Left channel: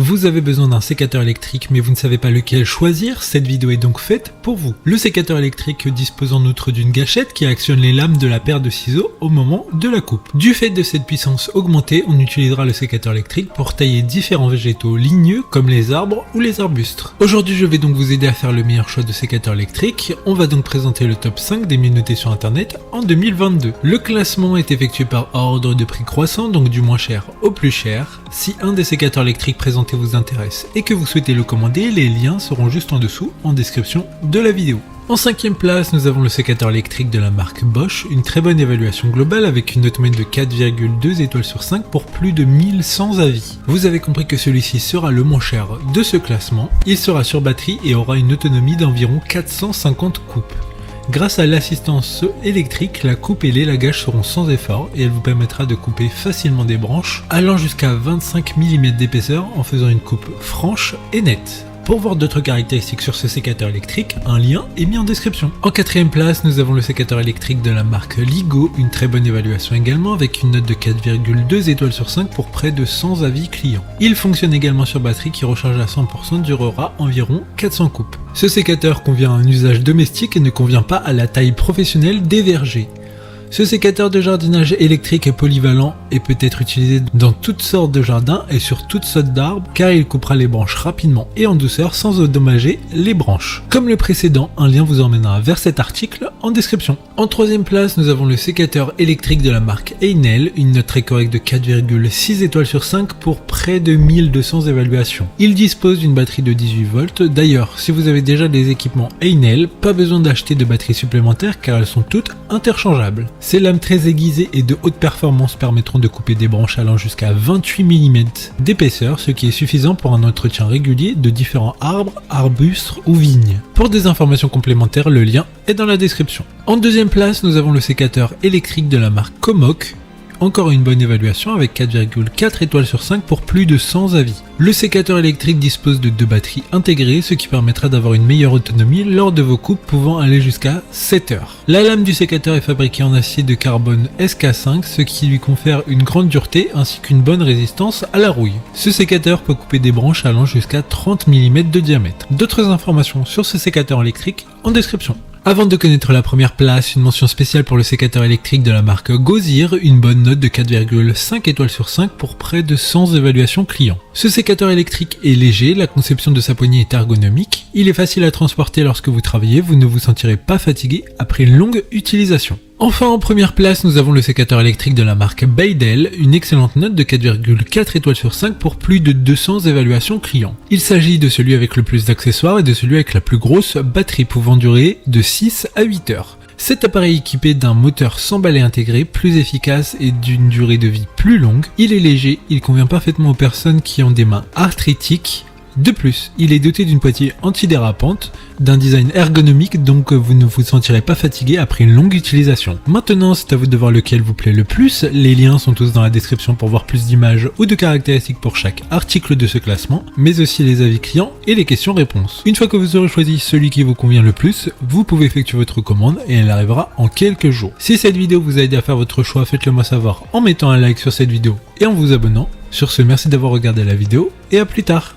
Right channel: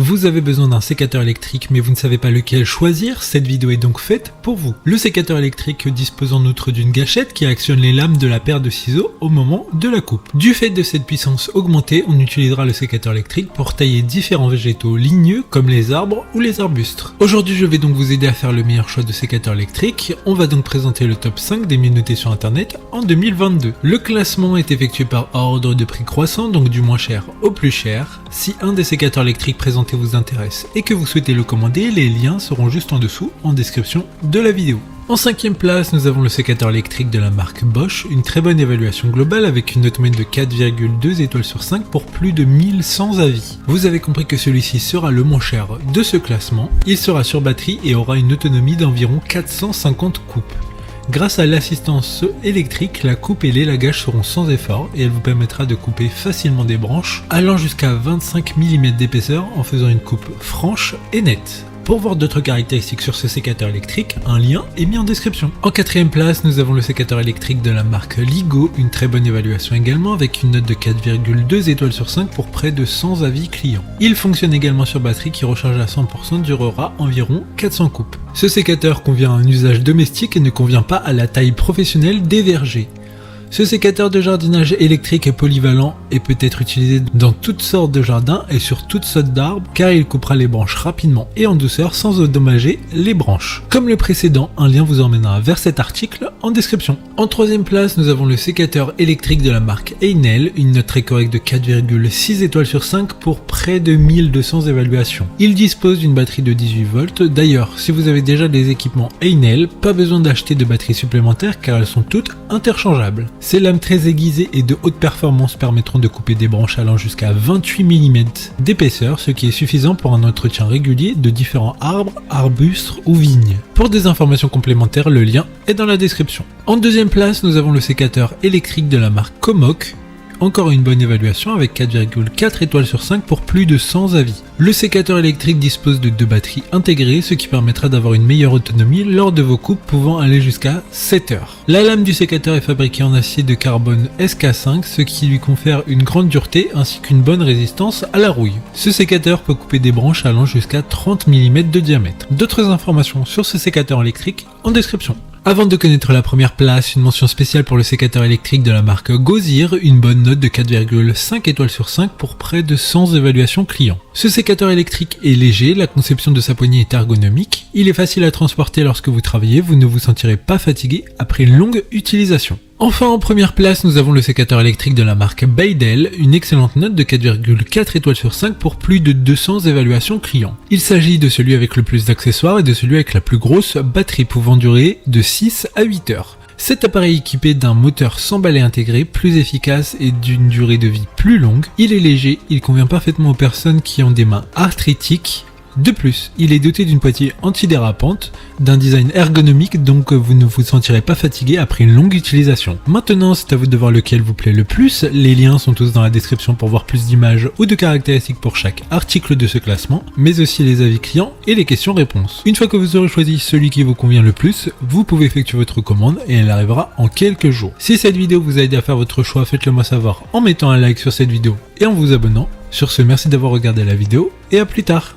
Vous avez besoin d'un sécateur électrique mais vous ne savez pas lequel choisir, cette vidéo est donc faite pour vous. Le sécateur électrique dispose en outre d'une gâchette qui actionne les lames de la paire de ciseaux au moment de la coupe. Du fait de cette puissance augmentée, on utilisera le sécateur électrique pour tailler différents végétaux ligneux comme les arbres ou les arbustes. Aujourd'hui je vais donc vous aider à faire le meilleur choix de sécateur électrique. On va donc présenter le top 5 des mieux notés sur internet en 2022. Le classement est effectué par ordre de prix croissant, donc du moins cher au plus cher. Si un des sécateurs électriques présentés vous intéresse et que vous souhaitez le commander, les liens seront juste en dessous en description de la vidéo. En 5e place, nous avons le sécateur électrique de la marque Bosch, une très bonne évaluation globale avec une note moyenne de 4,2 étoiles sur 5 pour plus de 1100 avis. Vous avez compris que celui-ci sera le moins cher de ce classement, il sera sur batterie et aura une autonomie d'environ 450 coupes. Grâce à l'assistance électrique, la coupe et l'élagage seront sans effort et elle vous permettra de couper facilement des branches allant jusqu'à 25 mm d'épaisseur en faisant une coupe franche et nette. Pour voir d'autres caractéristiques sur ce sécateur électrique, un lien est mis en description. En 4e place, nous avons le sécateur électrique de la marque Ligo, une très bonne évaluation également avec une note de 4,2 étoiles sur 5 pour près de 100 avis clients. Il fonctionne également sur batterie qui recharge à 100% durera environ 400 coupes. Ce sécateur convient à un usage domestique et ne convient pas à la taille professionnelle des vergers. Ce sécateur de jardinage électrique est polyvalent et peut être utilisé dans toutes sortes de jardins et sur toutes sortes d'arbres car il coupera les branches rapidement et en douceur sans endommager les branches. Comme le précédent, un lien vous emmènera vers cet article en description. En 3e place, nous avons le sécateur électrique de la marque Einel, une note très correcte de 4,6 étoiles sur 5 pour près de 1200 évaluations. Il dispose d'une batterie de 18 volts. D'ailleurs, si vous avez déjà des équipements Einel, pas besoin d'acheter de batteries supplémentaires car elles sont toutes interchangeables. Ces lames très aiguisées et de haute performance permettront de couper des branches allant jusqu'à 28 mm d'épaisseur, ce qui est suffisant pour un entretien régulier de différents arbres, arbustes ou vignes. Pour des informations complémentaires, le lien est dans la description. En 2e place, nous avons le sécateur électrique de la marque Comoc. Encore une bonne évaluation avec 4,4 étoiles sur 5 pour plus de 100 avis. Le sécateur électrique dispose de 2 batteries intégrées, ce qui permettra d'avoir une meilleure autonomie lors de vos coupes pouvant aller jusqu'à 7 heures. La lame du sécateur est fabriquée en acier de carbone SK5, ce qui lui confère une grande dureté ainsi qu'une bonne résistance à la rouille. Ce sécateur peut couper des branches allant jusqu'à 30 mm de diamètre. D'autres informations sur ce sécateur électrique en description. Avant de connaître la première place, une mention spéciale pour le sécateur électrique de la marque Gozir, une bonne note de 4,5 étoiles sur 5 pour près de 100 évaluations clients. Ce sécateur électrique est léger, la conception de sa poignée est ergonomique, il est facile à transporter lorsque vous travaillez, vous ne vous sentirez pas fatigué après une longue utilisation. Enfin, en première place, nous avons le sécateur électrique de la marque Beidel, une excellente note de 4,4 étoiles sur 5 pour plus de 200 évaluations clients. Il s'agit de celui avec le plus d'accessoires et de celui avec la plus grosse batterie pouvant durer de 6 à 8 heures. Cet appareil équipé d'un moteur sans balai intégré, plus efficace et d'une durée de vie plus longue, il est léger, il convient parfaitement aux personnes qui ont des mains arthritiques. De plus, il est doté d'une poignée antidérapante, d'un design ergonomique donc vous ne vous sentirez pas fatigué après une longue utilisation. Maintenant, c'est à vous de voir lequel vous plaît le plus, les liens sont tous dans la description pour voir plus d'images ou de caractéristiques pour chaque article de ce classement, mais aussi les avis clients et les questions-réponses. Une fois que vous aurez choisi celui qui vous convient le plus, vous pouvez effectuer votre commande et elle arrivera en quelques jours. Si cette vidéo vous a aidé à faire votre choix, faites-le moi savoir en mettant un like sur cette vidéo et en vous abonnant. Sur ce, merci d'avoir regardé la vidéo et à plus tard.